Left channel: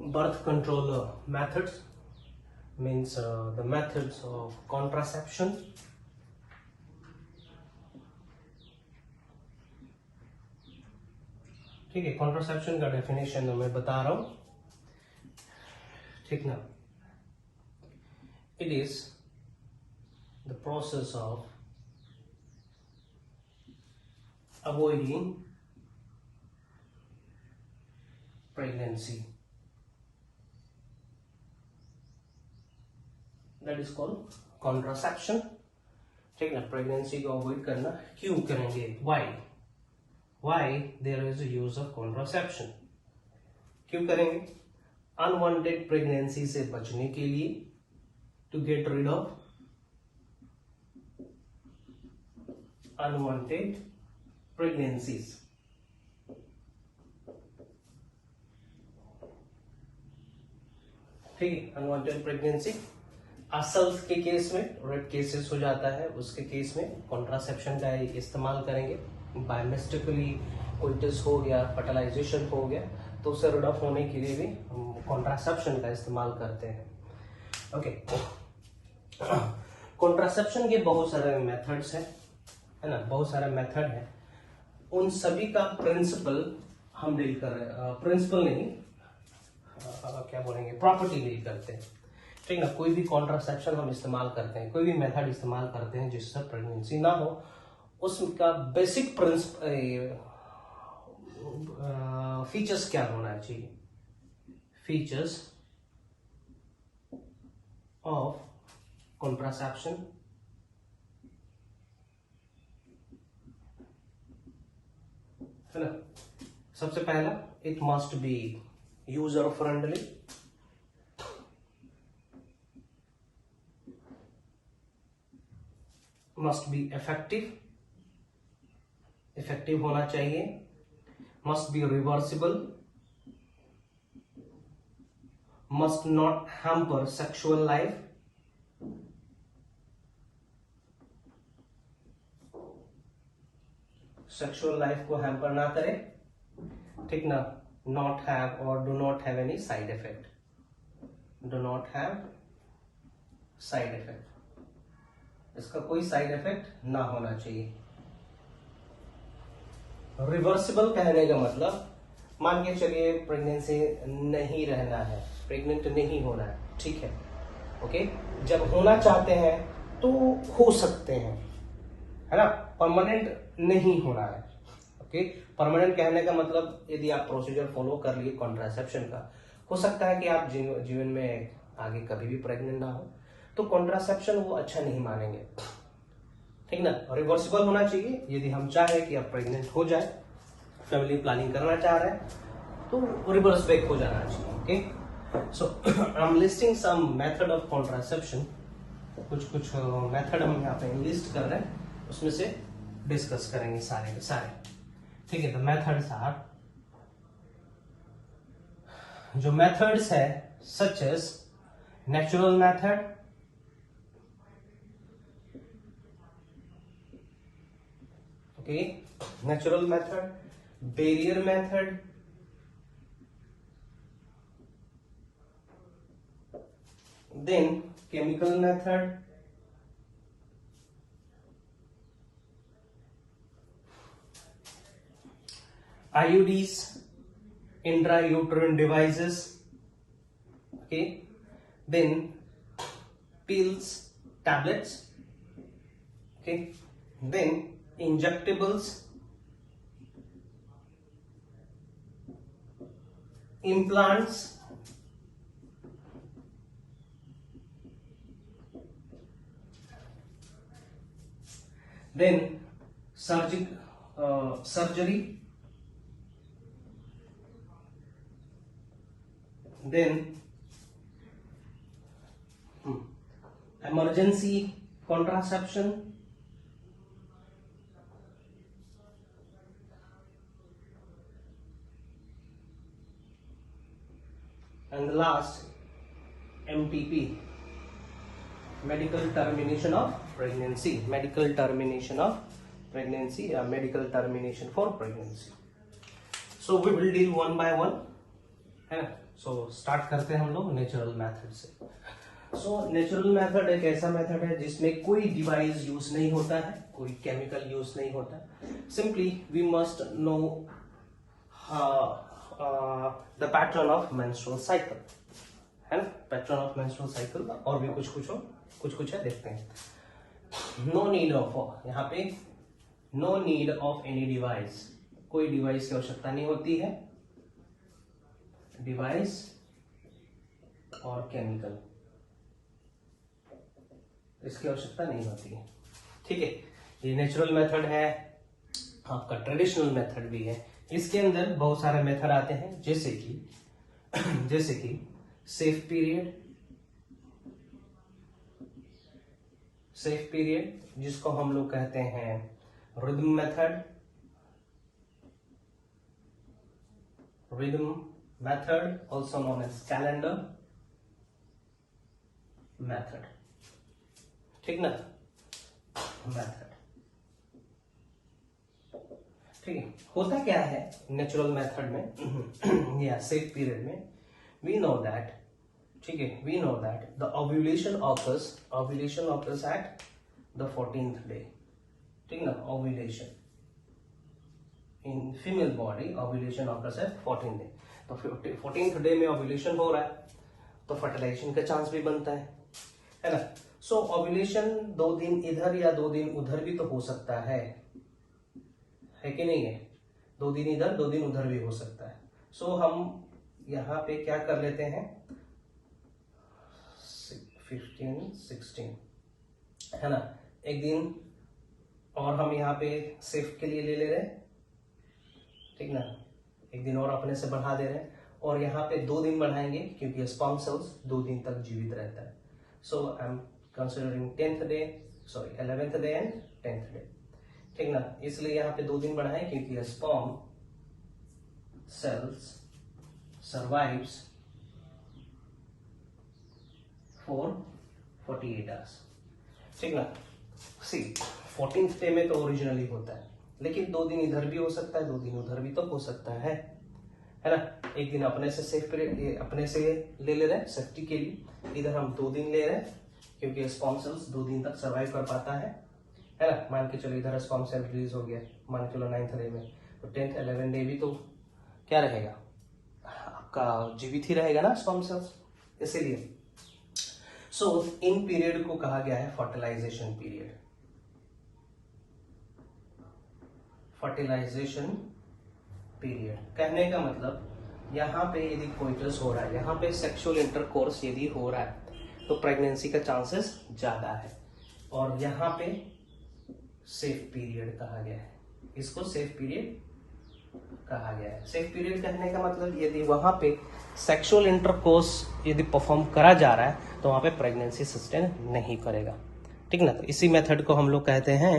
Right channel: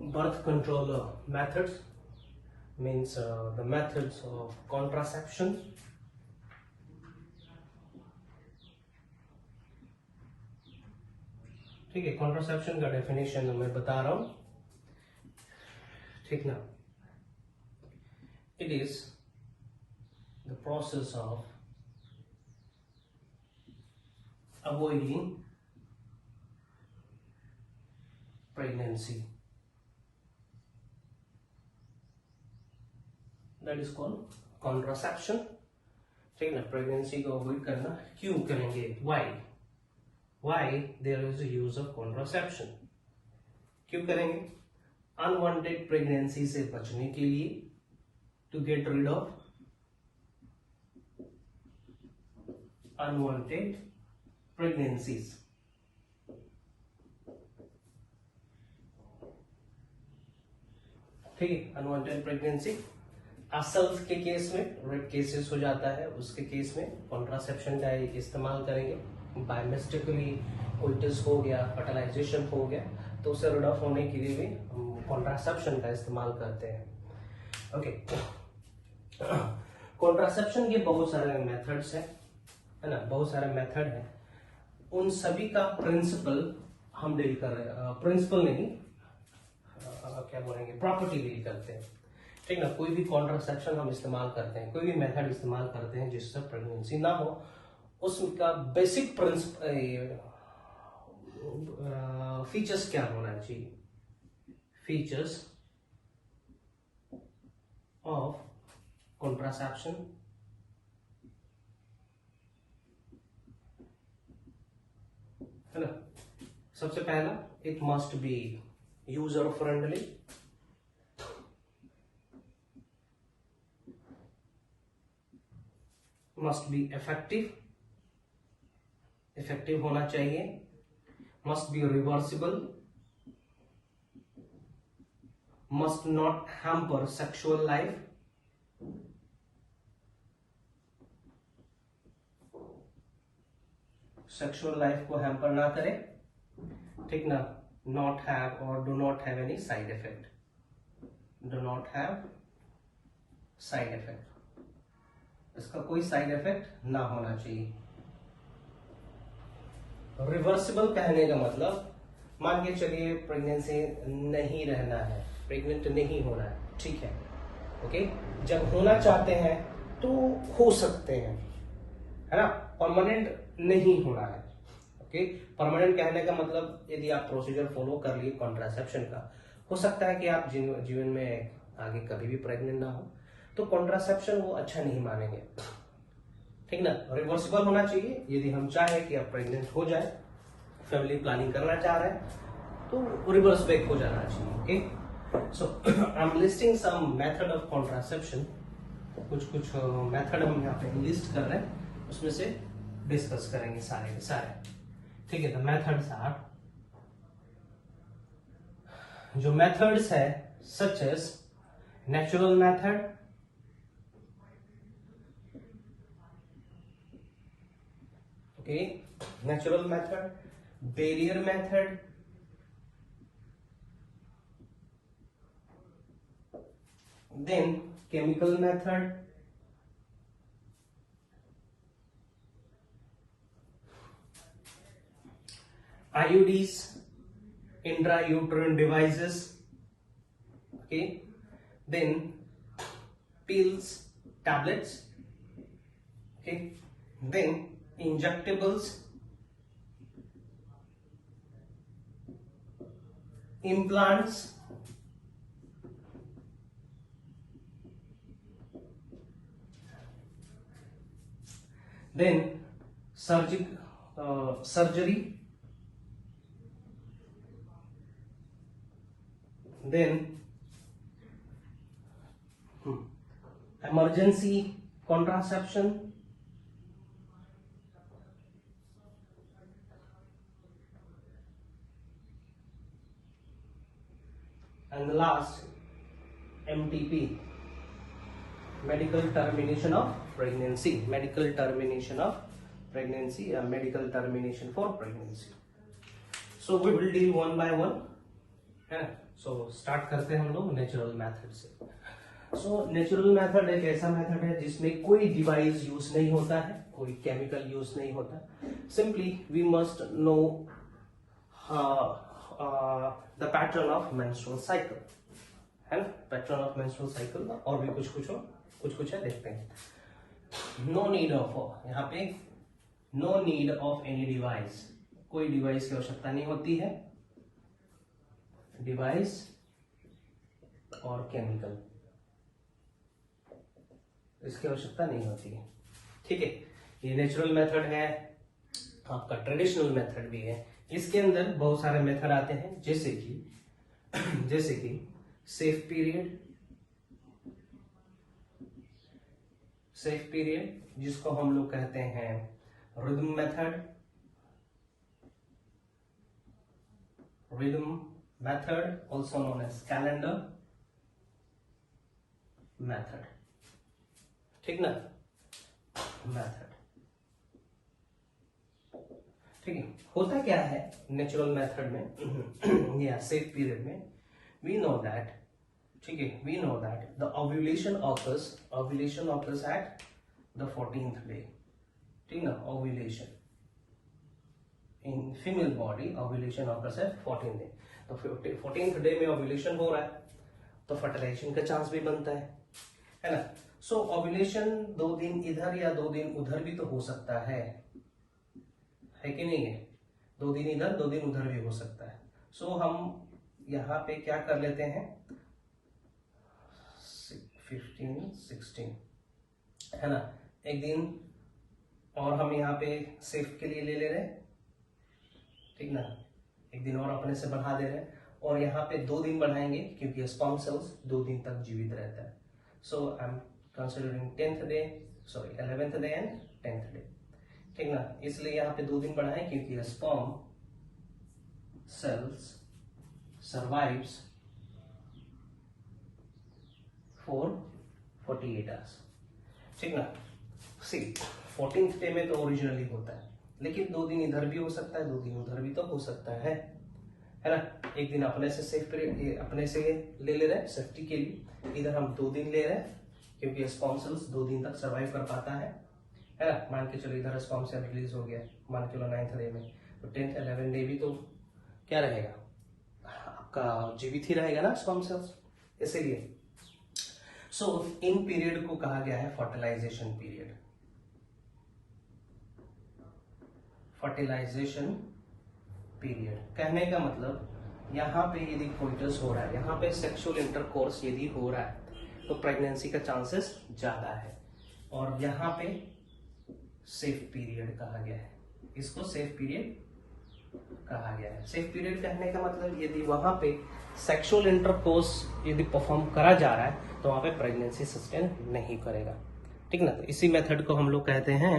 birth control methods, means the methods of contraception. ठीक है, contraception का डेफिनेशन मैं बता रहा हूं, ठीक ना। It is the process of avoiding pregnancy, that is called contraception. ठीक ना, प्रेगनेंसी को अवॉइड करना क्यों करेंगे, why there is a use of contraception, क्यों करेंगे? अनवांटेड प्रेगनेंसी से बचने के लिए, to get rid of unwanted pregnancies. ठीक है, अनवांटेड प्रेगनेंसी असल के केस में, रेप केसेस हो जाता है, उसके केस में कॉन्ट्रासेप्शन का इस्तेमाल करेंगे। बाय मिस्टेकली कोई टेस्ट हो गया, फर्टिलाइजेशन हो गया, तो उसे रिड ऑफ होने के लिए भी हम कॉन्ट्रासेप्शन का इस्तेमाल करते हैं। ओके, कॉन्ट्रासेप्शन के बहुत सारे मेथड्स हैं, है ना, बहुत सारे मेथड हैं। उन सभी का प्रिंसिपल हम डील कर रहे हैं, प्रिंसिपल नहीं, क्या बोलेंगे, प्रॉपर्टी डील करते हैं। ठीक ना, कोई भी कॉन्ट्रासेप्शन हम इस्तेमाल करते हैं, कोई भी मेथड इस्तेमाल करते हैं जिससे प्रेगनेंसी ना हो, उसका बेसिक प्रिंसिपल फीचर्स क्या होना चाहिए, फीचर्स ऑफ कॉन्ट्रासेप्शन। है ना, सबसे पहला, it must be user friendly, must be effective होना चाहिए, must be reversible, must not hamper sexual life, sexual life को हैम्पर ना करे। ठीक ना, नॉट हैव और do not have any side effect, do not have side effect, इसका कोई साइड इफेक्ट ना होना चाहिए। रिवर्सिबल कहने का मतलब, मान के चलिए प्रेगनेंसी नहीं रहना है, प्रेग्नेंट नहीं होना है, ठीक है, ओके, जब होना चाहते हैं तो हो सकते हैं, है ना, परमानेंट नहीं होना है। ओके, परमानेंट कहने का मतलब, यदि आप प्रोसीजर फॉलो कर लिए कॉन्ट्रासेप्शन का, हो सकता है कि आप जीवन में आगे कभी भी प्रेग्नेंट ना हो, तो कॉन्ट्रासेप्शन वो अच्छा नहीं मानेंगे। ठीक ना, रिवर्सिबल होना चाहिए, यदि हम चाहें कि आप प्रेग्नेंट हो जाए, फैमिली प्लानिंग करना चाह रहे हैं, तो रिवर्स बैक हो जाना चाहिए। Okay, so I am listing some method of contraception, कुछ मेथड हम यहाँ पे लिस्ट कर रहे हैं, उसमें से डिस्कस करेंगे सारे के सारे। ठीक है, तो मेथड्स आर, जो मेथड्स है, such as natural method, okay, natural method, barrier method, then chemical method, IUDs, intrauterine devices, okay, then pills, tablets, okay, then injectables, implants, then surgery, then emergency contraception, and the last, MTP, medical termination of pregnancy, medical termination of pregnancy, medical termination for pregnancy. So we will deal one by one, है ना। So start करते हैं हम लोग natural method से। So natural method एक ऐसा method है जिसमें कोई डिवाइस यूज नहीं होता है, कोई केमिकल यूज नहीं होता। Simply we must know the pattern of menstrual cycle, है ना, पैटर्न ऑफ मेंस्ट्रुअल साइकिल। और भी कुछ है, देखते हैं। नो नीड ऑफ, यहाँ पे no need of any device, कोई डिवाइस की आवश्यकता नहीं होती है, डिवाइस और केमिकल इसकी आवश्यकता नहीं होती है। ठीक है, ये नेचुरल मेथड है, आपका ट्रेडिशनल मेथड भी है। इसके अंदर बहुत सारे मेथड आते हैं, जैसे कि सेफ पीरियड जिसको हम लोग कहते हैं rhythm method also known as calendar method, ठीक ना, मेथड। ठीक है, होता क्या है नेचुरल मेथड में या सेफ पीरियड में, वी नो दैट, ठीक है, we know that the ovulation occurs at the 14th day, ठीक ना, ovulation in female body, ovulation occurs at 14th day. तो 14th डे में ओव्यूलेशन हो रहा है तो फर्टिलाइजेशन का चांस भी बनता है ना। सो ओव्यूलेशन 2 दिन इधर या 2 दिन उधर भी तो हो सकता है कि नहीं है, 2 दिन इधर 2 दिन उधर भी हो सकता है। सो हम यहाँ पे क्या कर लेते हैं, 15, 16 है ना, एक दिन और हम यहाँ पे सेफ के लिए ले ले रहे हैं, ठीक ना, एक दिन और अपने से बढ़ा दे रहे हैं, और यहाँ पे 2 दिन बढ़ाएंगे क्योंकि स्पर्म सेल्स 2 दिन तक जीवित रहता है। So I am considering 11th day and 10th day, ठीक ना, इसलिए यहाँ पे 2 दिन बढ़ाएं क्योंकि sperm cells survives for 48 hours, ठीक ना। सी 14th डे में तो ओरिजिनली होता है, लेकिन 2 दिन इधर भी हो सकता है, 2 दिन उधर भी तो हो सकता है ना। एक दिन अपने से सेफ पीरियड अपने से ले रहे हैं सेफ्टी के लिए, इधर हम 2 दिन ले रहे हैं क्योंकि स्पर्म सेल्स 2 दिन तक सर्वाइव कर पाता है ना। मान के चलो इधर स्पर्म सेल रिलीज हो गया, मान के चलो 9th डे में, तो 10th 11th डे भी तो क्या रहेगा, आपका जीवित ही रहेगा ना स्पर्म सेल्स, इसीलिए। सो इन पीरियड को कहा गया है फर्टिलाइजेशन पीरियड। फर्टिलाइजेशन पीरियड कहने का मतलब, यहाँ पे यदि कोइटस हो रहा है, यहाँ पे सेक्सुअल इंटरकोर्स यदि हो रहा है तो प्रेगनेंसी का चांसेस ज्यादा है, और यहाँ पे सेफ पीरियड कहा गया है, इसको सेफ पीरियड कहा गया है। सेफ पीरियड कहने का मतलब यदि वहां पे सेक्सुअल इंटरकोर्स यदि परफॉर्म करा जा रहा है तो वहां पे प्रेगनेंसी सस्टेन नहीं करेगा, ठीक ना। तो इसी मेथड को हम लोग कहते हैं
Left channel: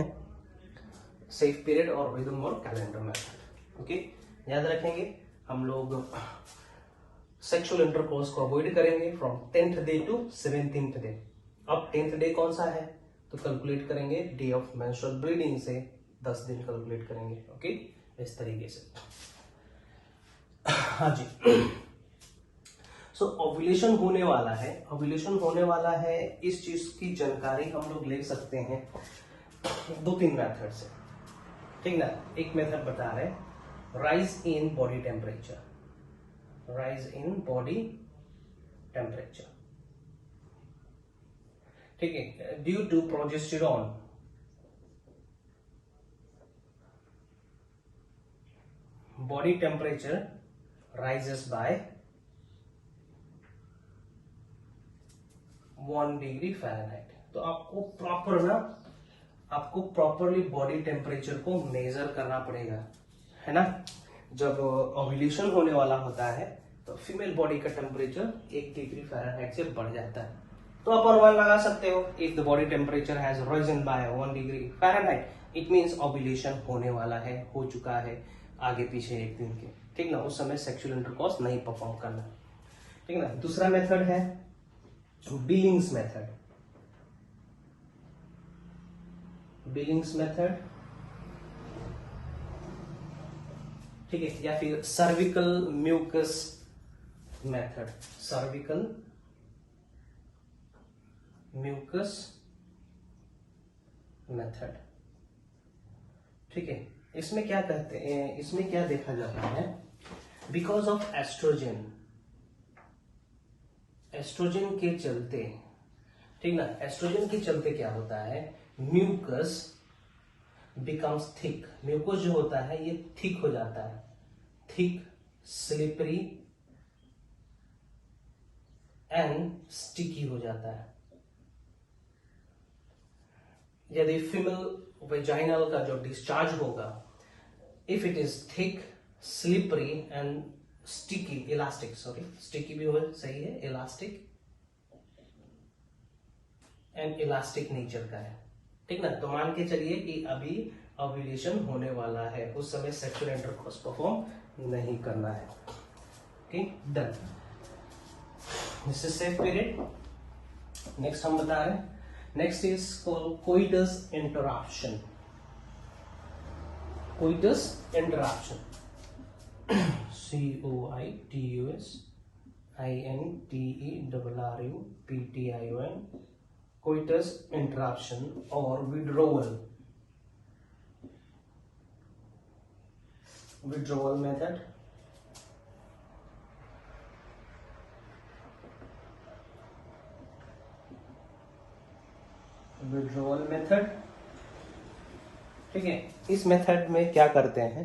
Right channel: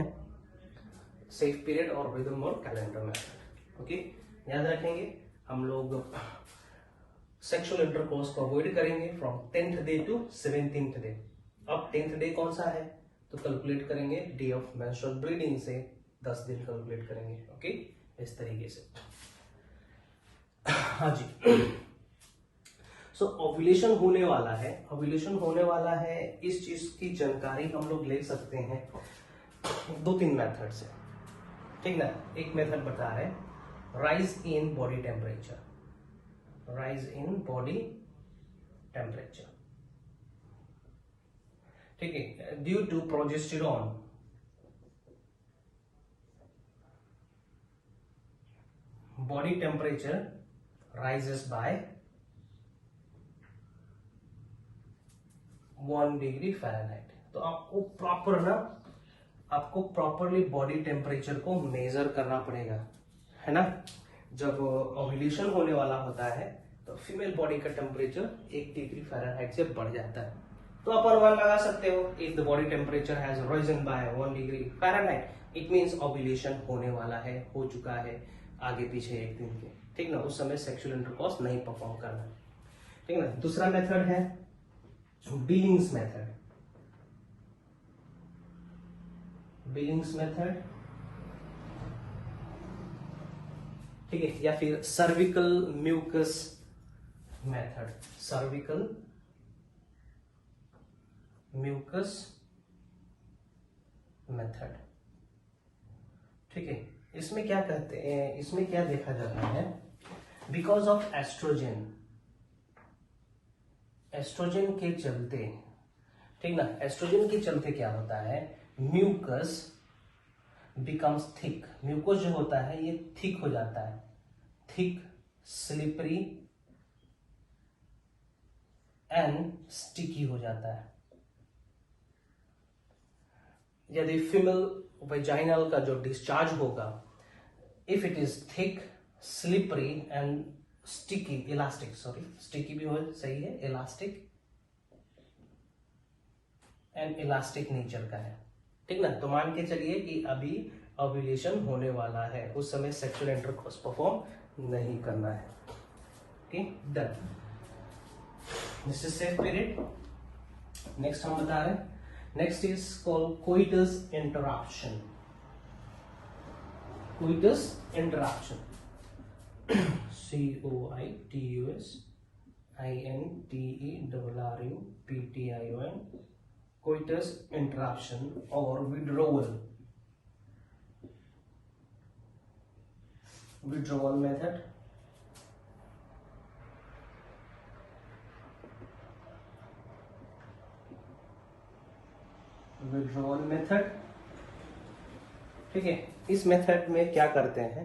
सेफ पीरियड और रिदम और कैलेंडर मेथड। ओके, याद रखेंगे हम लोग सेक्सुअल इंटरकोर्स को अवॉइड करेंगे from 10th day to 17th day. अब 10th डे कौन सा है तो कैलकुलेट करेंगे डे ऑफ मेंस्ट्रुअल ब्लीडिंग से 10 दिन कैलकुलेट करेंगे। ओके, इस तरीके से। हाँ जी, सो ओव्यूलेशन होने वाला है, ओव्यूलेशन होने वाला है, इस चीज की जानकारी हम लोग ले सकते हैं 2-3 मेथड से, ठीक ना। एक मेथड बता रहे rise in body temperature, rise in body temperature, ठीक है, due to progesterone, body temperature rises by 1 degree Fahrenheit. तो आपको प्रॉपरली बॉडी टेम्परेचर को मेजर करना पड़ेगा, है ना। जब ओव्यूलेशन होने वाला होता है तो फीमेल बॉडी का टेम्परेचर 1 डिग्री फ़ारेनहाइट से बढ़ जाता है, तो आप अनुमान लगा सकते हो if the body temperature has risen by 1 degree Fahrenheit it means ovulation होने वाला है, हो चुका है आगे पीछे 1 दिन के, ठीक ना। उस समय सेक्सुअल इंटरकोर्स नहीं परफॉर्म करना, ठीक ना। दूसरा मेथड है बिलिंग्स मेथड, बिलिंग्स मेथड, ठीक है, या फिर cervical mucus method, cervical mucus method. ठीक है, इसमें क्या कहते हैं, इसमें क्या देखा जाता है, बिकॉज ऑफ एस्ट्रोजन, एस्ट्रोजन के चलते, ठीक ना, एस्ट्रोजन के चलते क्या होता है, म्यूकस बिकम्स थिक, म्यूकस जो होता है ये थिक हो जाता है, थिक, स्लिपरी एंड स्टिकी हो जाता है। यदि फीमेल वेजाइनल का जो डिस्चार्ज होगा, if it is thick, slippery and sticky, elastic, sorry sticky भी हो सही है, इलास्टिक एंड इलास्टिक नेचर का है, ठीक ना। तो मान के चलिए कि अभी ओव्यूलेशन होने वाला है, उस समय सेक्सुअल इंटरकोर्स परफॉर्म नहीं करना है। ठीक, done, this is safe period. Next हम बता रहे हैं, next is called coitus interruption, coitus interruption, COITUS INTERRUPTION, coitus interruption or withdrawal method, withdrawal method। ठीक है, इस मेथड में क्या करते हैं,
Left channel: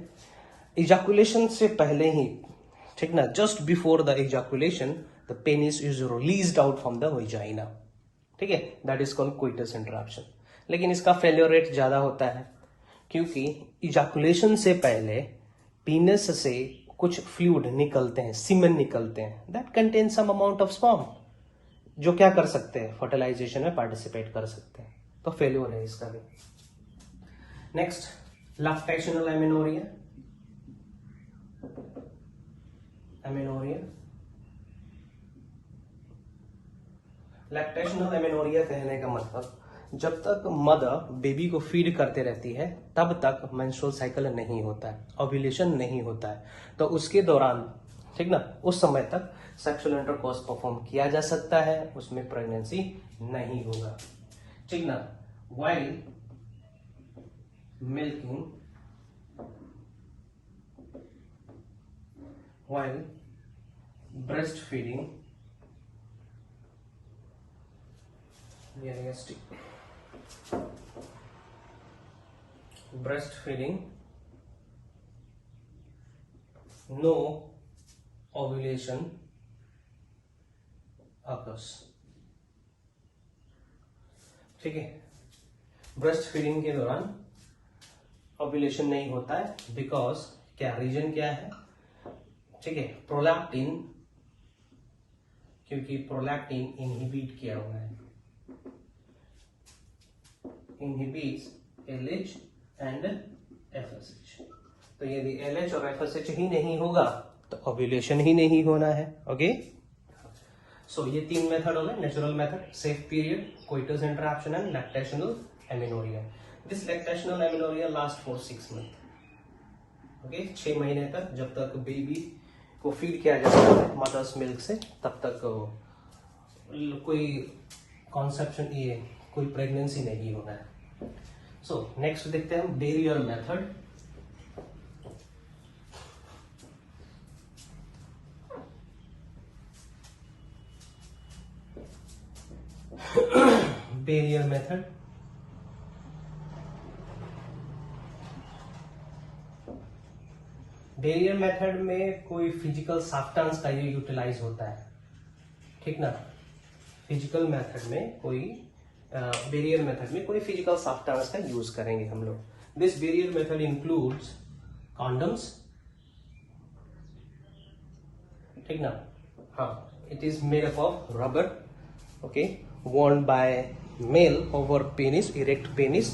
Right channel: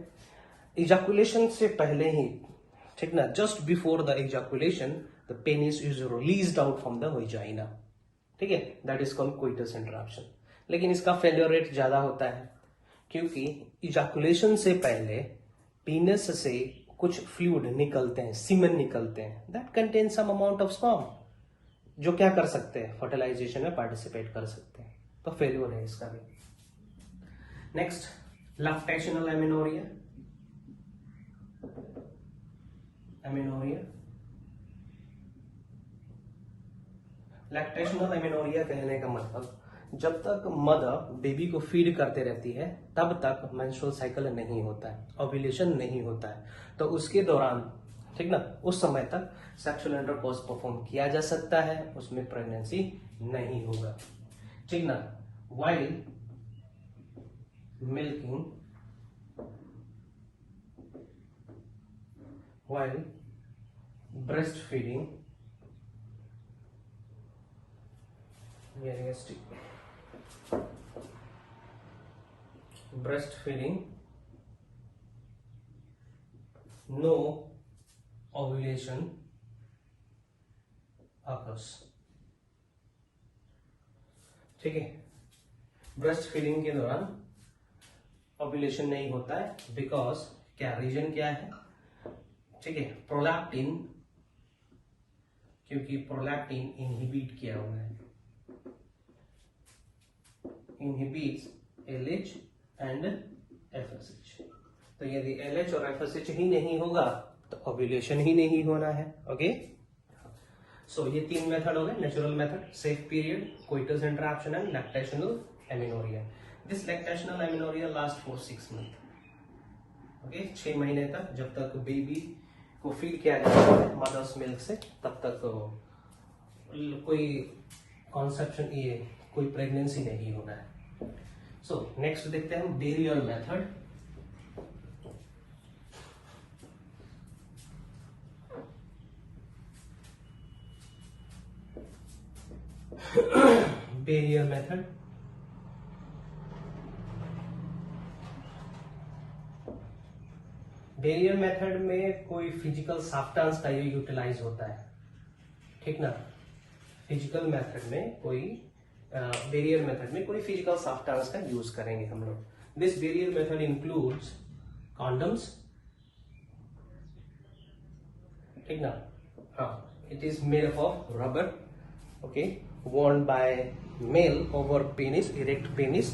इजैकुलेशन से पहले ही, ठीक ना, just before the ejaculation the penis is released out from the vagina, ठीक है, that is called coitus interruption. लेकिन इसका फेलियर रेट ज्यादा होता है, क्योंकि इजैकुलेशन से पहले पीनस से कुछ फ्लूइड निकलते हैं, सीमेन निकलते हैं, that contain some amount of sperm, जो क्या कर सकते हैं, फर्टिलाइजेशन में पार्टिसिपेट कर सकते हैं, तो फेलियर है इसका भी। Next, lactational amenorrhea, lactational amenorrhea कहने का मतलब, जब तक मदर बेबी को फीड करते रहती है तब तक मेंस्ट्रुअल साइकिल नहीं होता है, ओव्यूलेशन नहीं होता है, तो उसके दौरान, ठीक ना, उस समय तक सेक्सुअल इंटरकोर्स परफॉर्म किया जा सकता है, उसमें प्रेगनेंसी नहीं होगा, ठीक ना। While milking, while breast feeding, breastfeeding, no ovulation occurs, ठीक है। ब्रेस्ट फीडिंग के दौरान ओव्यूलेशन नहीं होता है, बिकॉज क्या रीजन क्या है, ठीक है, प्रोलैक्टिन, क्योंकि प्रोलैक्टिन इनहिबिट किया हुआ है, इनहिबिट्स LH एंड FSH, तो यदि LH और FSH ही नहीं होगा तो ओव्यूलेशन ही नहीं होना है, ओके। सो ये तीन मेथड हो गए, natural method, safe period, coitus interruption and lactational amenorrhea. This lactational amenorrhea last for 6 month, okay, 6 महीने तक, जब तक बेबी को फीड किया जाता है मदर्स मिल्क से, तब तक कोई कॉन्सेप्शन, ये कोई प्रेगनेंसी नहीं होना है। सो नेक्स्ट देखते हैं barrier method. Barrier method, barrier method में कोई फिजिकल सब्सटेंस का यूटिलाइज होता है, ठीक ना। फिजिकल मेथड में कोई बैरियर मेथड में कोई फिजिकल सब्सटेंस का यूज करेंगे हम लोग। This barrier method includes condoms, ठीक ना, हाँ, it is made up of rubber, okay, worn by male over penis, erect penis,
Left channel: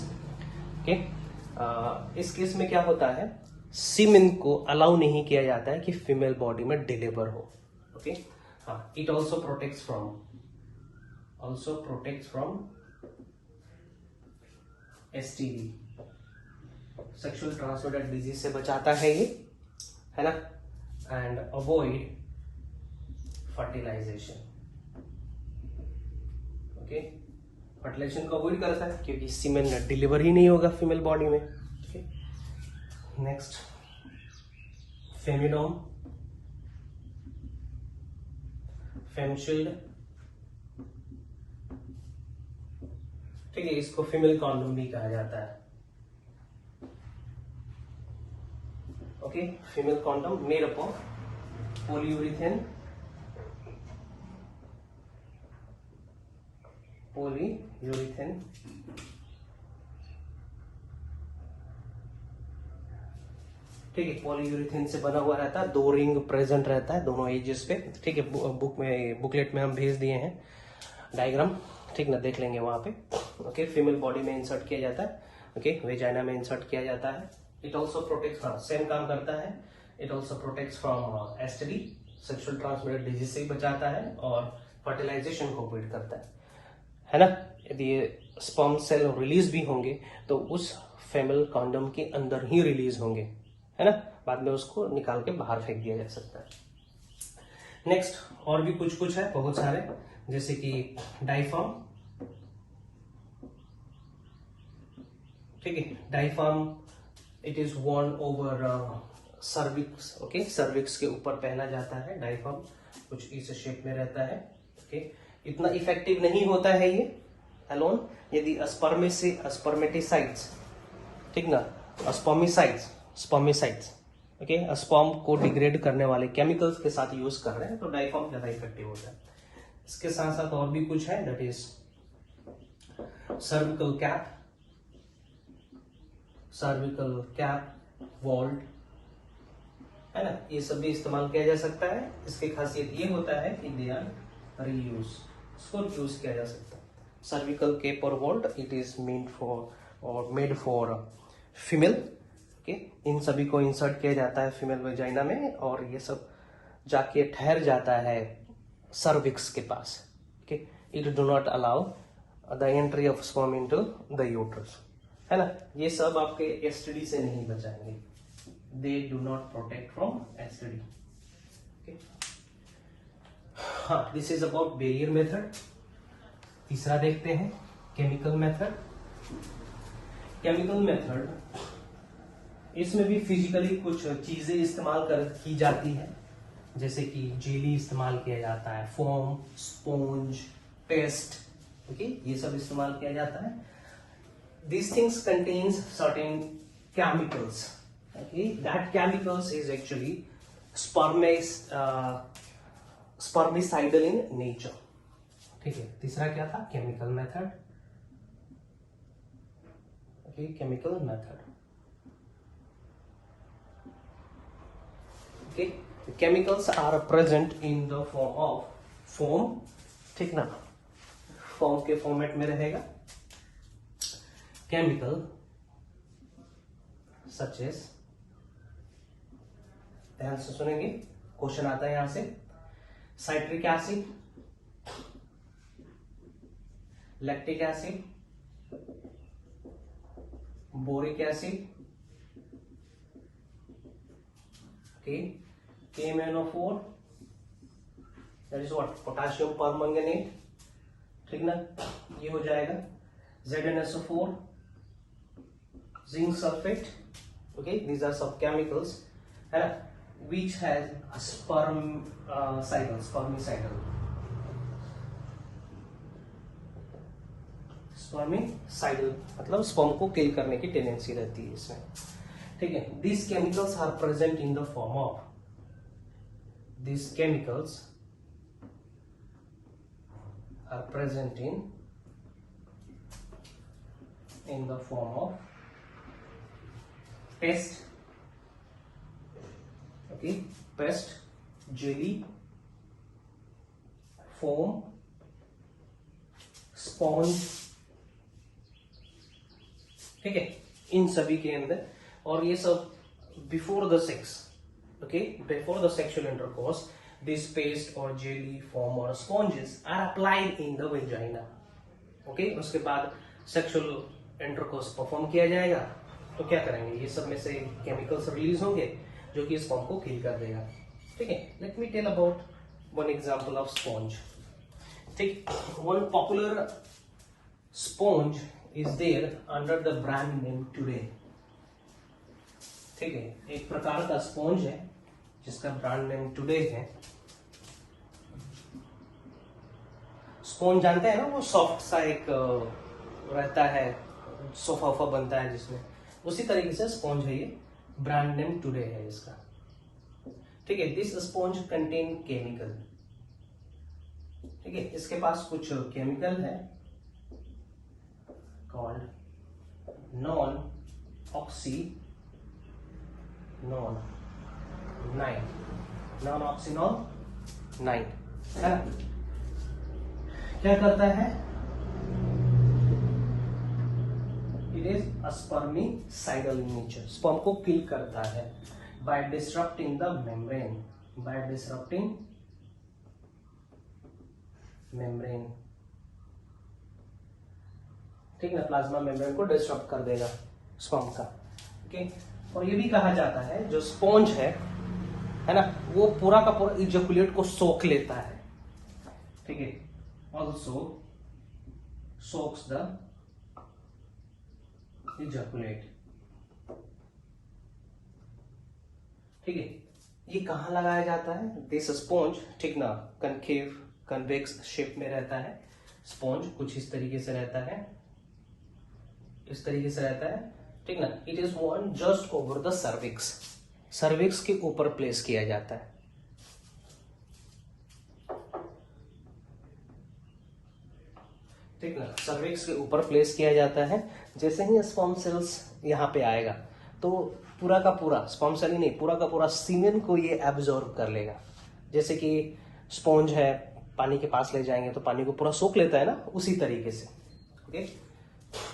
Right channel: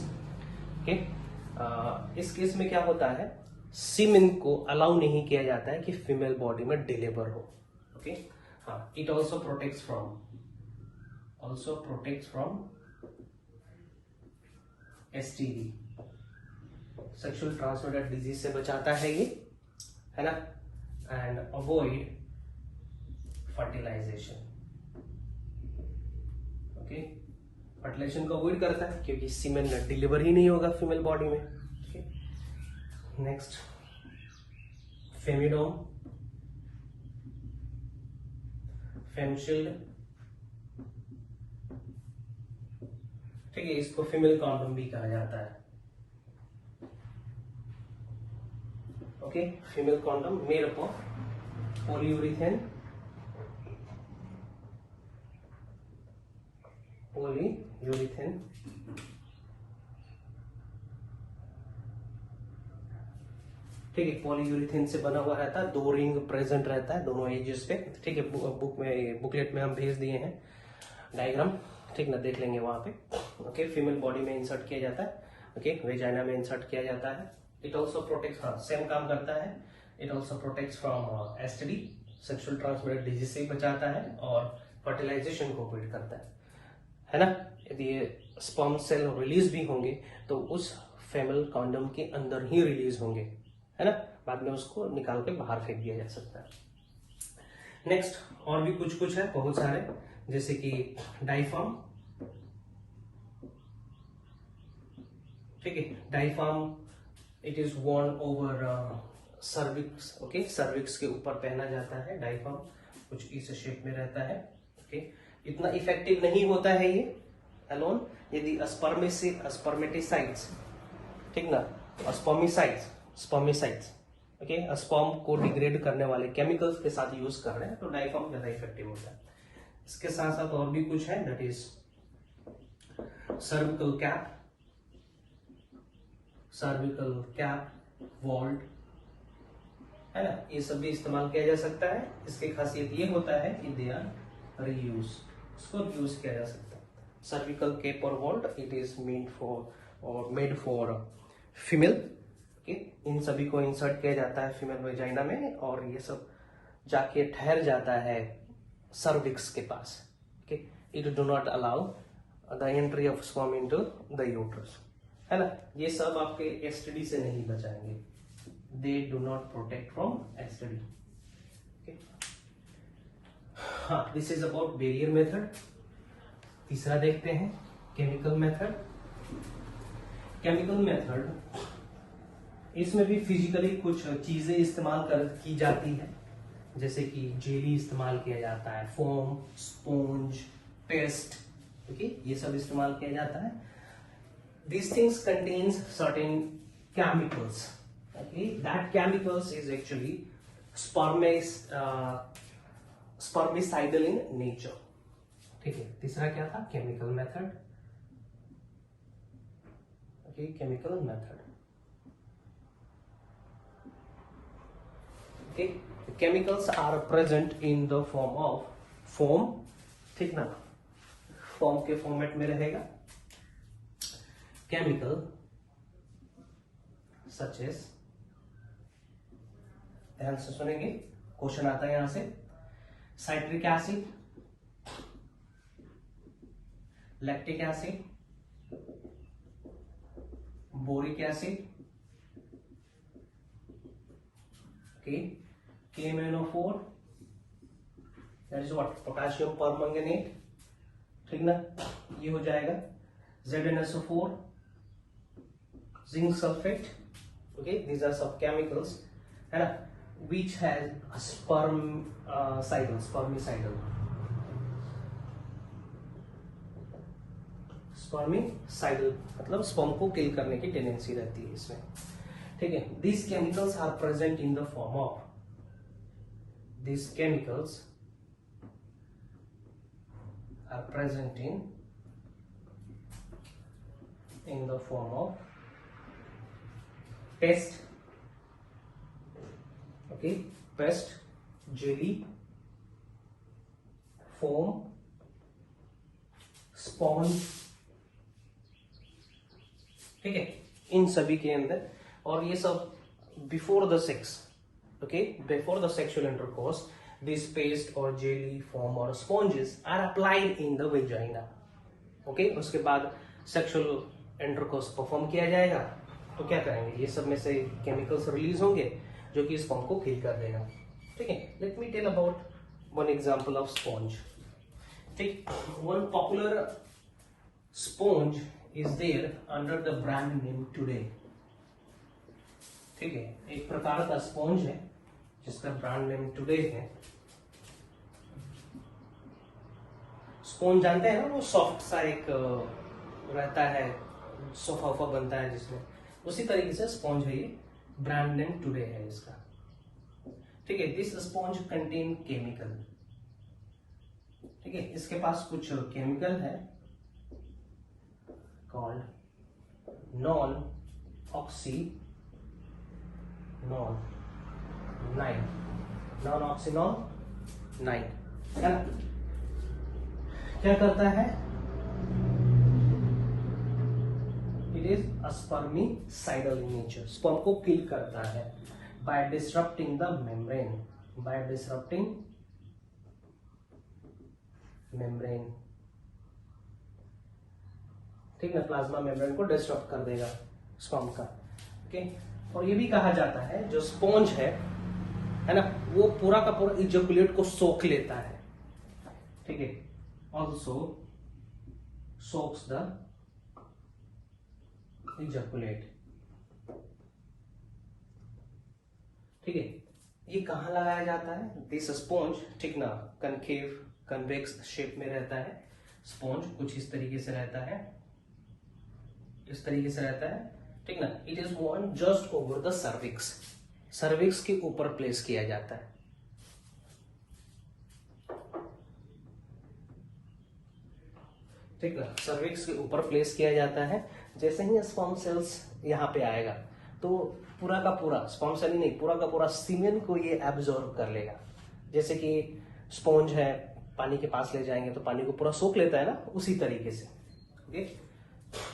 okay. इस केस में क्या होता है, सीमेन को अलाउ नहीं किया जाता है कि फीमेल बॉडी में डिलीवर हो, ओके। हाँ, it also protects from STD, sexual transmitted disease से बचाता है ये, है ना, and avoid fertilization. Okay, fertilization को अवॉइड करता है क्योंकि सीमेन डिलीवर ही नहीं होगा फीमेल बॉडी में। नेक्स्ट फेमिडोम, फेमशील्ड, ठीक है, इसको फीमेल कॉन्डोम भी कहा जाता है। Okay, female condom made up of polyurethane, ठीक है, पॉलीयूरिथेन से बना हुआ रहता है, 2 रिंग प्रेजेंट रहता है दोनों एजेस पे। ठीक है, बुकलेट में हम भेज दिए हैं डायग्राम, ठीक ना, देख लेंगे वहां पे। ओके, फीमेल बॉडी में इंसर्ट किया जाता है। ओके, वेजाइना में इंसर्ट किया जाता है। इट ऑल्सो प्रोटेक्ट, सेम काम करता है। It also protect from STD, sexual transmitted disease से बचाता है और फर्टिलाइजेशन को अवॉइड करता है ना। यदि स्पर्म सेल रिलीज भी होंगे तो उस फीमेल कॉन्डम के अंदर ही रिलीज होंगे, है ना, बाद में उसको निकाल के बाहर फेंक दिया जा सकता है। नेक्स्ट और भी कुछ है, बहुत सारे, जैसे कि डाइफार्म, ठीक है, diaphragm it is worn over cervix. Okay, cervix के ऊपर पहना जाता है डाइफार्म, कुछ इस शेप में रहता है। ओके, इतना इफेक्टिव नहीं होता है ये अलोन, यदि स्पर्मेटिसाइड्स, ठीक ना, स्पर्मिसाइड्स, ओके, स्पर्म को डिग्रेड करने वाले केमिकल्स के साथ यूज कर रहे हैं तो डाइफार्म ज्यादा इफेक्टिव होता है। इसके साथ साथ और भी कुछ है, that is cervical cap, vault, है ना, ये सब भी इस्तेमाल किया जा सकता है। इसकी खासियत ये होता है कि दे आर रीयूज, इसको यूज किया जा सकता है। सर्विकल कैप और vault it is made for female. Okay, इन सभी को इंसर्ट किया जाता है फीमेल वेजाइना में और ये सब जाके ठहर जाता है सर्विक्स के पास। Okay, it do not allow the entry of sperm into the uterus, है ना। ये सब आपके एसटीडी से नहीं बचाएंगे, they do not protect from STD. हाँ, this is about barrier method. तीसरा देखते हैं केमिकल मेथड। इसमें भी फिजिकली कुछ चीजें इस्तेमाल की जाती है, जैसे कि जेली इस्तेमाल किया जाता है, फोम, स्पॉन्ज, पेस्ट, ओके, ये सब इस्तेमाल किया जाता है। These things contains certain chemicals. Okay, that chemicals is actually spermicidal in nature. ठीक है, तीसरा क्या था, chemical method. Okay, chemical method. Okay, chemicals are present in the form of foam, ठीक ना, फॉर्म के फॉर्मेट में रहेगा। केमिकल सच एज, ध्यान से सुनेंगे, क्वेश्चन आता है यहां से, citric acid, lactic acid, boric acid, okay, KMnO4, that is what, potassium permanganate, ठीक ना, ये हो जाएगा। ZnSO4, zinc sulfate, okay, these are some chemicals, है ना, which has spermicidal मतलब स्पर्म को किल करने की टेंडेंसी रहती है इसमें, ठीक है। These chemicals are present in the form of, these chemicals are present in the form of paste, okay, paste, jelly, foam, sponge, ठीक है, इन सभी के अंदर। और ये सब before the sex, okay, before the sexual intercourse, this paste और jelly, foam और sponges are applied in the vagina. Okay, उसके बाद सेक्सुअल इंटरकोर्स परफॉर्म किया जाएगा तो क्या करेंगे, ये सब में से केमिकल्स रिलीज होंगे जो कि स्पर्म को किल कर देगा। ठीक है, let me tell about one example of sponge. ठीक, one popular sponge is there under the brand name Today. ठीक है, एक प्रकार का स्पॉन्ज है जिसका ब्रांड नेम टुडे है. स्पॉन्ज जानते हैं ना, वो सॉफ्ट सा एक रहता है, सोफा वोफा बनता है जिसमें, उसी तरीके से स्पॉन्ज है ये. ब्रांड नेम टुडे है इसका. ठीक है, दिस स्पॉन्ज कंटेन केमिकल. ठीक है, इसके पास कुछ केमिकल है कॉल्ड नॉन ऑक्सीनोन 9 है ना. क्या करता है, it is spermicidal in nature. Sperm को किल करता है बाय डिसरप्टिंग द मेम्ब्रेन. ठीक है, प्लाज्मा मेम्ब्रेन को डिस्टर्ब कर देगा स्पर्म का. ओके, और ये भी कहा जाता है जो स्पॉन्ज है ना, वो पूरा का पूरा इजैकुलेट को सोख लेता है. ठीक है, ऑल्सो सोक्स द इजैकुलेट. ठीक है, ये कहाँ लगाया जाता है, दिस स्पॉन्ज. ठीक ना, कन्वेक्स शेप में रहता है स्पॉन्ज, कुछ इस तरीके से रहता है, इस तरीके से रहता है. ठीक ना, it is one just over the cervix के ऊपर प्लेस किया जाता है. ठीक ना, सर्विक्स के ऊपर प्लेस किया जाता है. जैसे ही स्पर्म सेल्स यहाँ पे आएगा तो पूरा का पूरा स्पर्म सेल ही नहीं, पूरा का पूरा सीमेन को ये एब्जॉर्ब कर लेगा. जैसे कि स्पॉन्ज है, पानी के पास ले जाएंगे तो पानी को पूरा सोख लेता है ना, उसी तरीके से. ओके,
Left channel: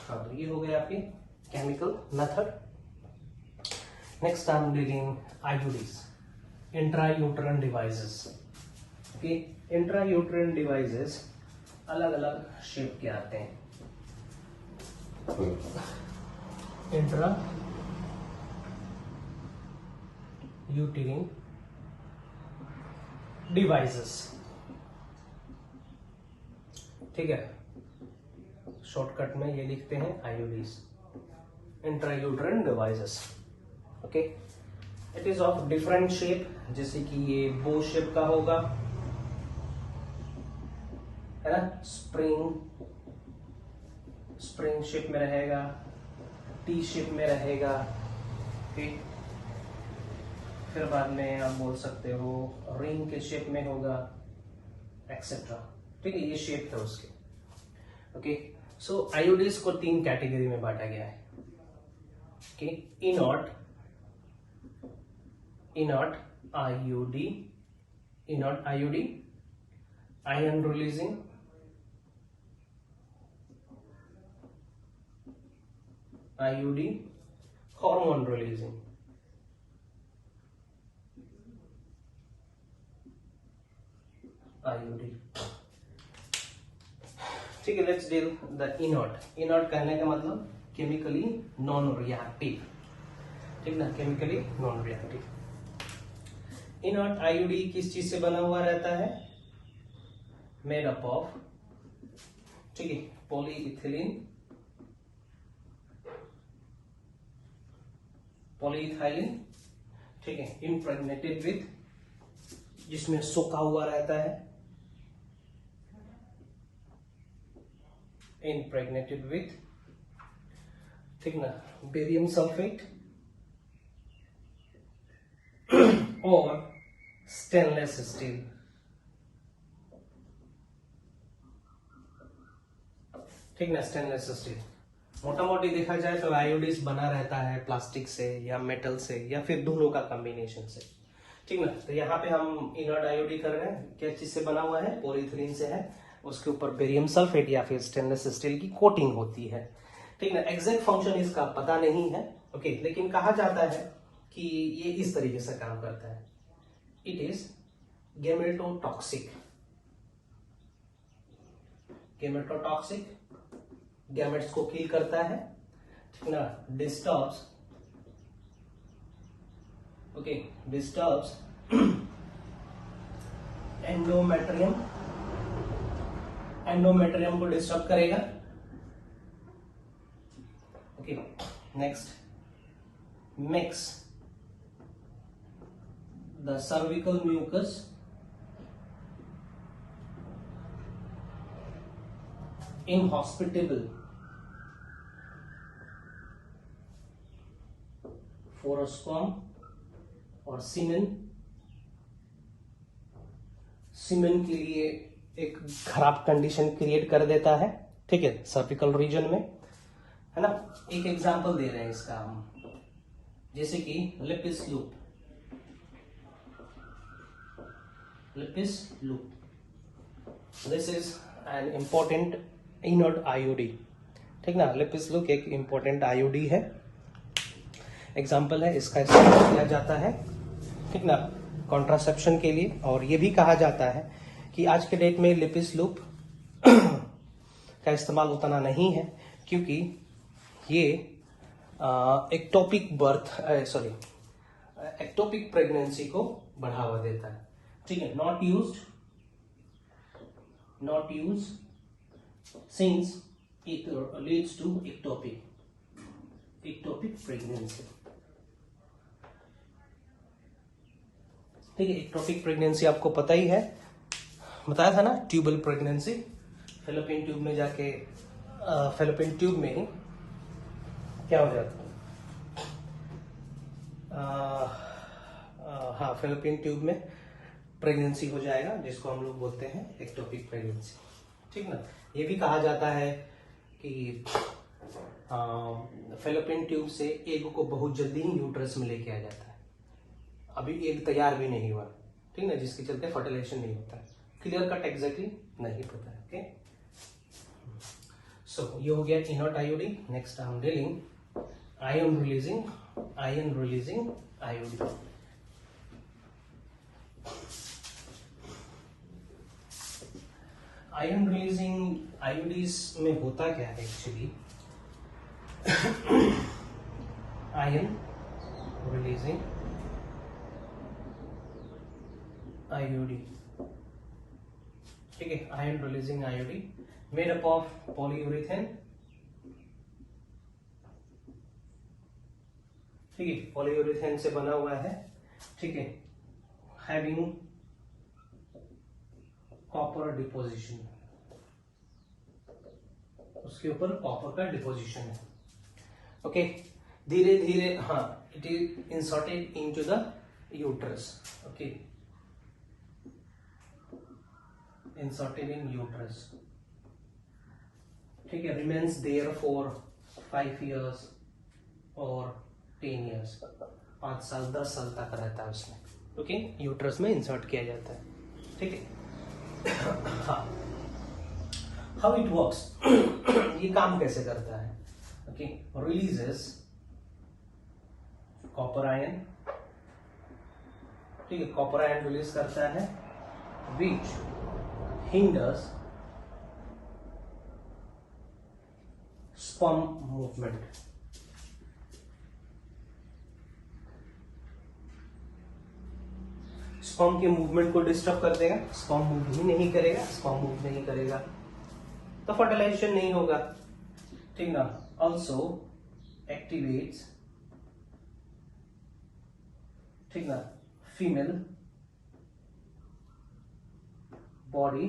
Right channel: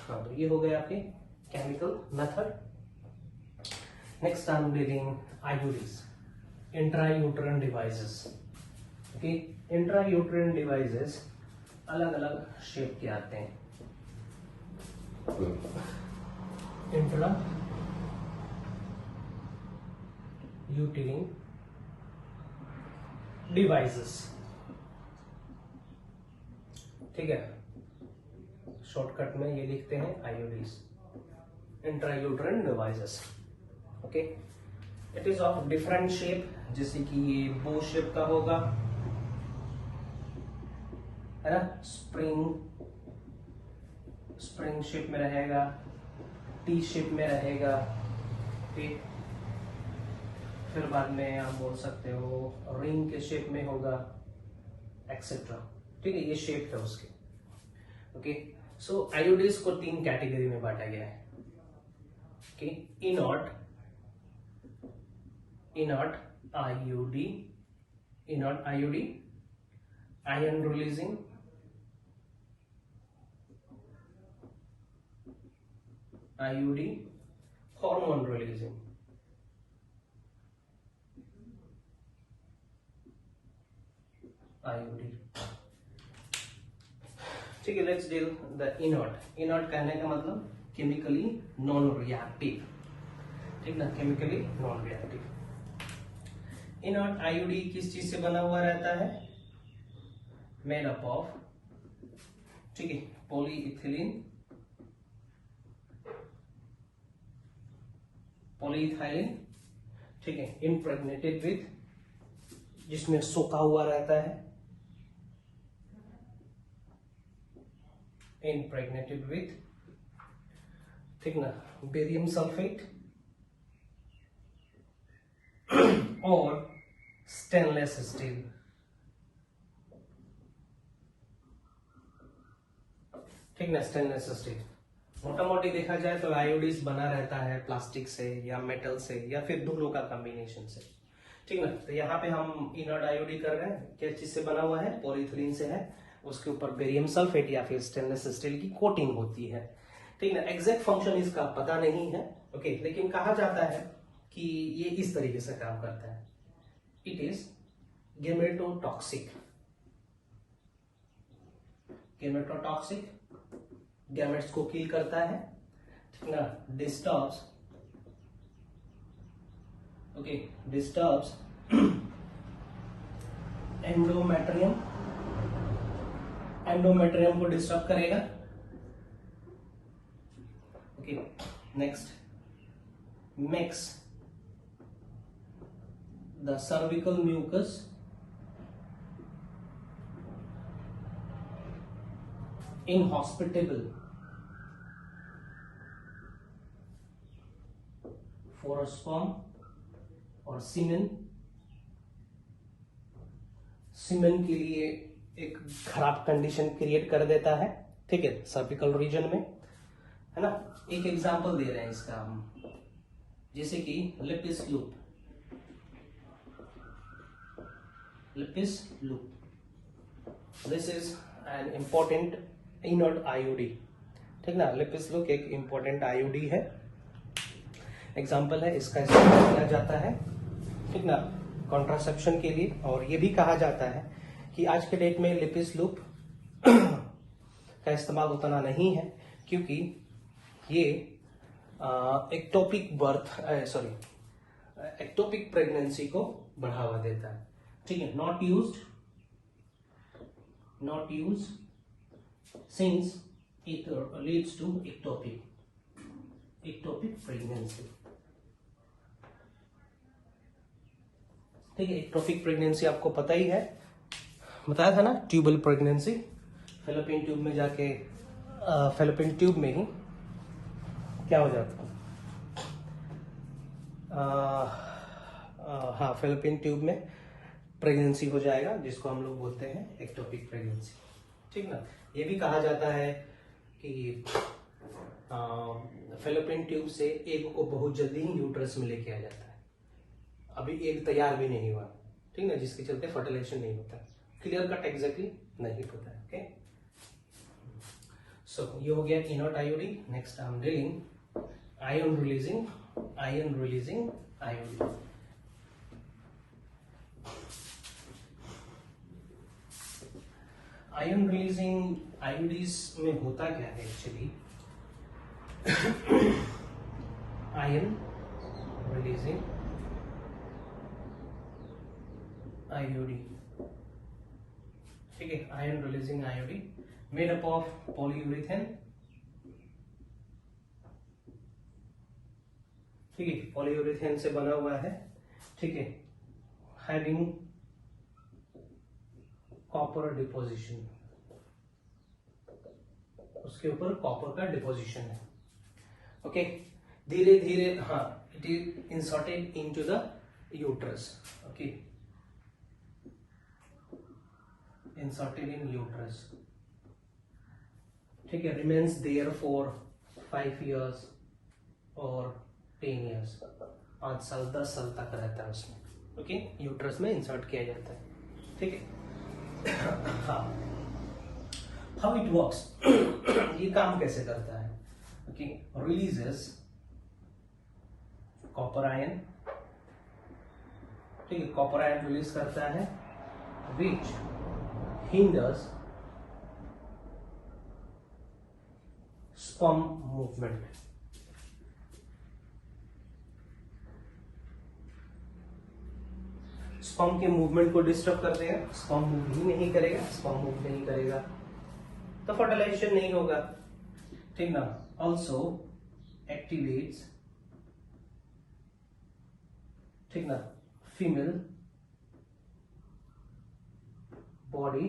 हाँ, तो ये हो गए आपके chemical method. Next I am dealing IUDs, intrauterine devices. Okay, intrauterine devices अलग अलग शेप के आते हैं. Intra यूटेरिन devices. ठीक है, शॉर्टकट में ये लिखते हैं IUDs, intrauterine devices. Okay, it is of different shape, जैसे कि ये बो शेप का होगा, है ना, स्प्रिंग शेप में रहेगा, टी शेप में रहेगा. ठीक, फिर बाद में आप बोल सकते हो रिंग के शेप में होगा, एक्सेट्रा. ठीक है, ये शेप था उसके. ओके, सो आईयूडीज को 3 कैटेगरी में बांटा गया है. Okay, inert IUD, ion releasing, IUD hormone releasing. IUD. ठीक है, let's deal the inert. Inert कहने का मतलब केमिकली नॉन रिएक्टिव. ठीक ना, chemically non reactive. Inert IUD किस चीज से बना हुआ रहता है, मेड अप ऑफ, ठीक है, पॉलीइथिलीन, ठीक है, इम्प्रेग्नेटेड विथ, जिसमें सोखा हुआ रहता है, इम्प्रेग्नेटेड विथ, ठीक ना, बेरियम सल्फेट और स्टेनलेस स्टील. ठीक ना, स्टेनलेस स्टील. मोटा मोटी देखा जाए तो आयोडीज बना रहता है प्लास्टिक से या मेटल से या फिर दोनों का कॉम्बिनेशन से. ठीक ना, तो यहाँ पे हम इनर्ट आयोडी कर रहे हैं, क्या चीज से बना हुआ है, पॉलीइथिलीन से है, उसके ऊपर बेरियम सल्फेट या फिर स्टेनलेस स्टील की कोटिंग होती है. ठीक ना, एग्जैक्ट फंक्शन इसका पता नहीं है. ओके, लेकिन कहा जाता है कि ये इस तरीके से काम करता है. It is गेमेटोटॉक्सिक. गैमेट्स को किल करता है. ठीक ना, डिस्टर्ब्स एंडोमेट्रियम, एंडोमेट्रियम को डिस्टर्ब करेगा। Okay, next makes the cervical mucus inhospitable for a sperm और सीमेन, सीमेन के लिए एक खराब कंडीशन क्रिएट कर देता है, ठीक है, सर्विकल रीजन में, है ना। एक एग्जांपल दे रहे हैं इसका हम, जैसे कि Lippes loop, Lippes loop, this is an important inert IOD, ठीक ना। लिपिस लूप एक इंपॉर्टेंट आईओडी है, एग्जांपल है, इसका इस्तेमाल किया जाता है, ठीक ना, कॉन्ट्रासेप्शन के लिए। और ये भी कहा जाता है कि आज के डेट में लिपिस लूप का इस्तेमाल उतना नहीं है, क्योंकि ये एक्टोपिक एक्टोपिक प्रेगनेंसी को बढ़ावा देता है, ठीक है। Not used since it leads to ectopic pregnancy, ठीक है। एक्टोपिक प्रेगनेंसी आपको पता ही है, बताया था ना, ट्यूबल प्रेगनेंसी, फेलोपियन ट्यूब में जाके फेलोपियन ट्यूब में ही क्या हो जाता है, हाँ, फेलोपियन ट्यूब में प्रेगनेंसी हो जाएगा, जिसको हम लोग बोलते हैं एक्टोपिक प्रेगनेंसी, ठीक ना। ये भी कहा जाता है कि फेलोपियन ट्यूब से एग को बहुत जल्दी ही यूट्रस में लेके आ जाता है, अभी एग तैयार भी नहीं हुआ, ठीक ना, जिसके चलते फर्टिलाइजेशन नहीं होता। क्लियर कट एग्जैक्टली नहीं पता है, ओके। सो ये हो गया इनर्ट आईओडी। नेक्स्ट हम dealing ion releasing IOD. Ion releasing IODs में होता क्या है एक्चुअली, आयन रिलीजिंग आईओडी, ठीक है। Ion releasing IOD made up of polyurethane, ठीक है, पॉलीयूरेथेन से बना हुआ है, ठीक है, हैविंग कॉपर डिपोजिशन, उसके ऊपर कॉपर का डिपोजिशन है, ओके। धीरे धीरे, हाँ, it is inserted into the uterus, okay, inserted in uterus, ठीक है, रिमेन्स देयर फॉर 5 years और 10 years, 5 साल 10 साल तक रहता है उसमें, ओके, यूट्रस में इंसर्ट किया जाता है, ठीक है। हाउ इट वर्क्स, ये काम कैसे करता है, ओके। रिलीजेस कॉपर आयन, ठीक है, कॉपर आयन रिलीज करता है, विच हिंडर्स स्पर्म मूवमेंट, स्पर्म के मूवमेंट को डिस्टर्ब कर देगा, स्पर्म मूव ही नहीं करेगा, स्पर्म मूव नहीं करेगा तो फर्टिलाइजेशन नहीं होगा, ठीक ना। ऑल्सो एक्टिवेट्स, ठीक ना, female body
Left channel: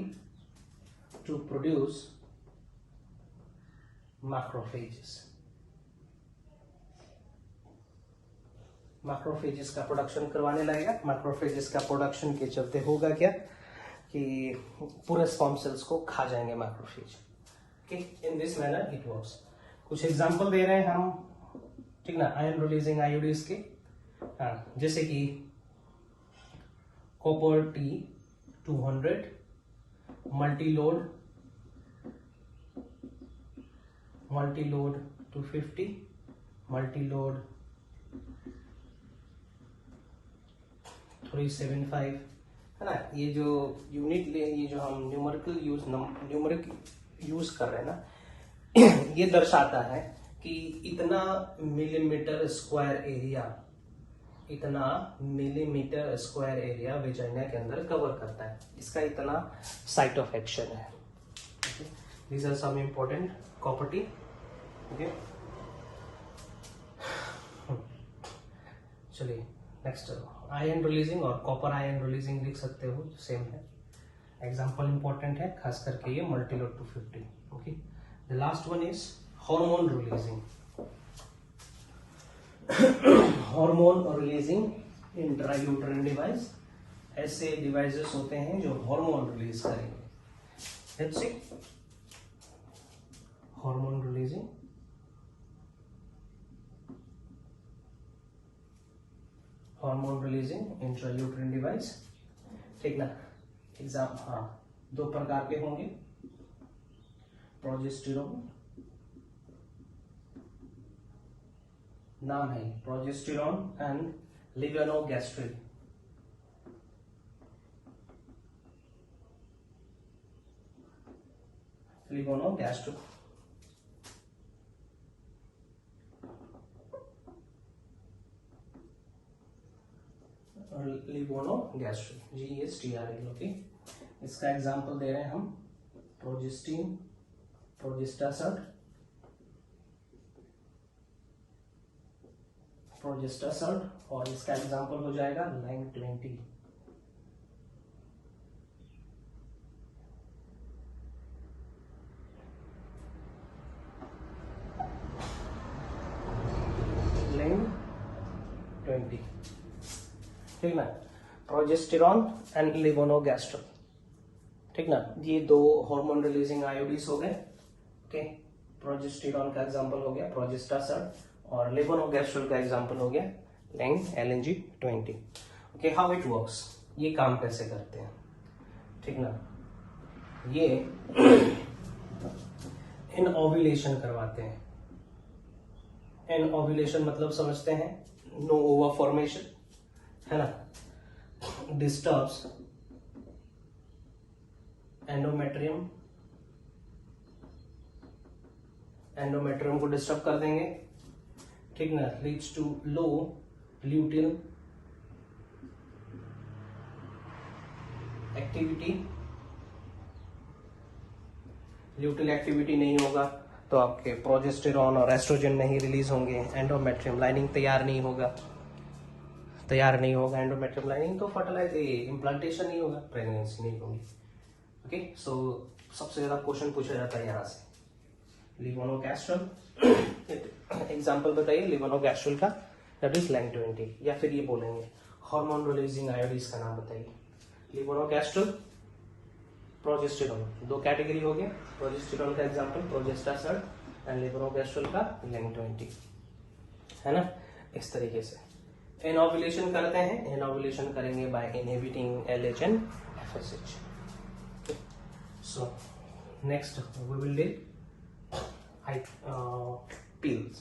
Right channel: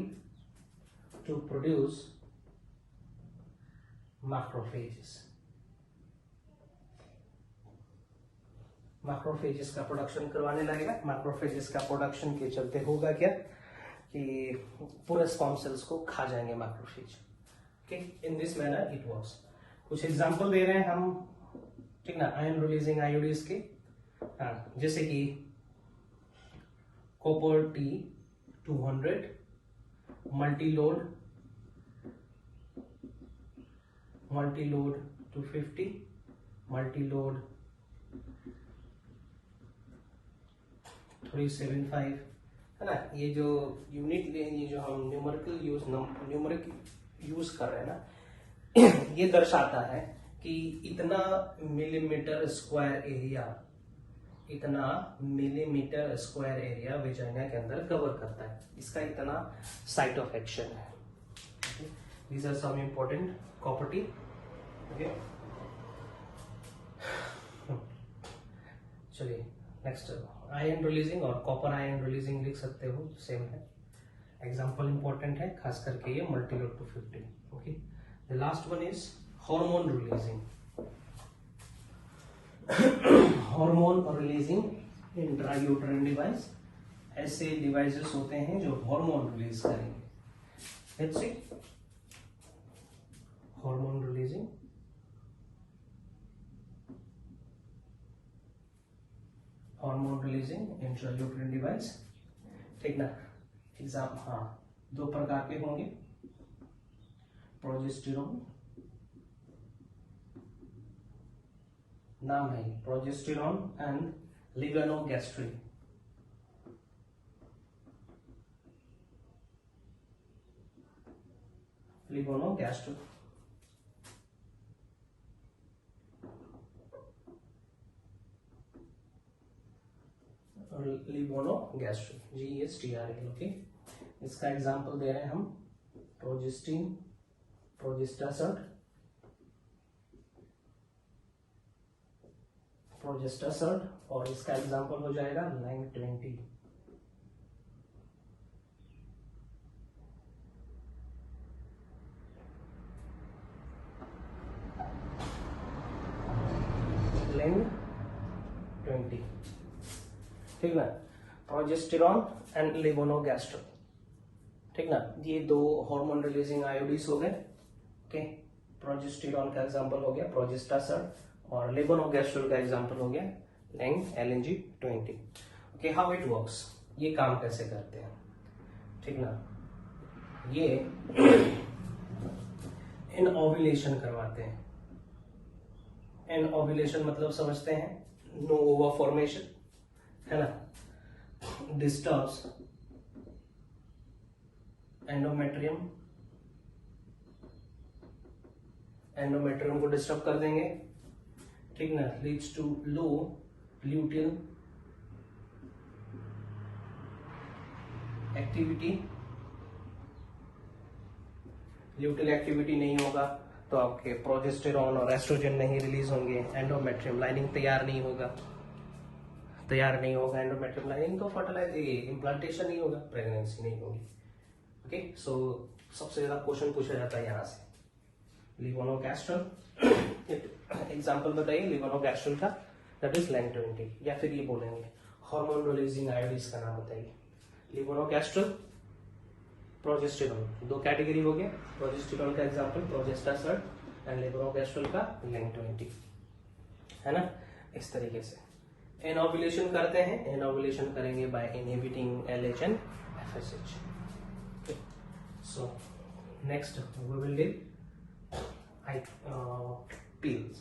to produce macrophages, macrophages का प्रोडक्शन करवाने लगेगा। मैक्रोफेजेस का प्रोडक्शन के चलते होगा क्या कि पूरे स्पर्म सेल्स को खा जाएंगे macrophage, okay. In this manner it works. कुछ एग्जांपल दे रहे हैं हम, ठीक ना, आयन रिलीजिंग आईओडीज के, हाँ, जैसे कि कॉपर T200, मल्टीलोड 250, मल्टीलोड 375, है ना। ये जो यूनिट, ये जो हम न्यूमेरिक यूज कर रहे हैं ना, ये दर्शाता है कि इतना मिलीमीटर स्क्वायर एरिया इतना मिलीमीटर स्क्वायर एरिया वेजाइना के अंदर कवर करता है, इसका इतना साइट ऑफ एक्शन है। These are some important property. Okay, चलिए नेक्स्ट, आयन रिलीजिंग और कॉपर आयन रिलीजिंग लिख सकते हो, सेम है। एग्जाम्पल इंपॉर्टेंट है, खास करके ये Multiload 250। Okay, the last one is hormone releasing. Hormone releasing intrauterine device, ऐसे डिवाइसेस होते हैं जो हार्मोन रिलीज करेंगे। Let's see, hormone releasing, hormone releasing intrauterine device, ठीक ना। एग्जाम, हाँ, दो प्रकार के होंगे, प्रोजेस्टेरॉन, नाम है प्रोजेस्टेरॉन एंड लिगनोगैस्ट्रिन। लिगोनोगैस्ट्रिन, लिगोनोगैस्ट्रिन, GSTRL। ओके, इसका एग्जांपल दे रहे हैं हम, प्रोजेस्टिन, प्रोजेस्टासर्ट, प्रोजेस्टासर्ट, और इसका एग्जांपल हो जाएगा LANG20। LANG20, ठीक ना। प्रोजेस्टेरॉन एंड लिगोनोगैस्ट्रिन, ठीक ना, ये दो हार्मोन रिलीजिंग आयोडीज हो गए। ओके, प्रोजेस्टेरॉन का एग्जांपल हो गया प्रोजेस्टासर्ट, और लिगोनोगैस्ट्रिन का एग्जांपल हो गया LANG20। Okay, how it works, ये काम कैसे करते हैं, ठीक ना। ये इनओव्यूलेशन करवाते हैं। इनओव्यूलेशन मतलब समझते हैं, नो ओवा फॉर्मेशन, है ना, डिस्टर्ब्स एंडोमेट्रियम, एंडोमेट्रियम को डिस्टर्ब कर देंगे, ठीक ना, leads to low luteal activity. Luteal activity नहीं होगा तो आपके प्रोजेस्टेरॉन और एस्ट्रोजन नहीं रिलीज होंगे, एंडोमेट्रियम लाइनिंग तैयार नहीं होगा एंडोमेट्रियम लाइनिंग, तो फर्टिलाइज इम्प्लांटेशन नहीं होगा, प्रेगनेंसी नहीं होगी। ओके, सो सबसे ज्यादा क्वेश्चन पूछा जाता है यहाँ से, लिगोनोगैस्ट्रल। एग्जांपल बताइए लिगोनोगैस्ट्रल का, दैट इज LANG20, या फिर ये बोलेंगे हार्मोन रिलीजिंग आयोडीज का नाम बताइए। लिगोनोगैस्ट्रल, प्रोजेस्टेरॉन, दो कैटेगरी हो गए, प्रोजेस्टेरॉन का एग्जांपल प्रोजेस्टासर्ट एंड लिगोनोगैस्ट्रल का LANG20, है ना। इस तरीके से एनओव्यूलेशन करते हैं, एनओव्यूलेशन करेंगे by inhibiting LH and FSH। So next we will do pills।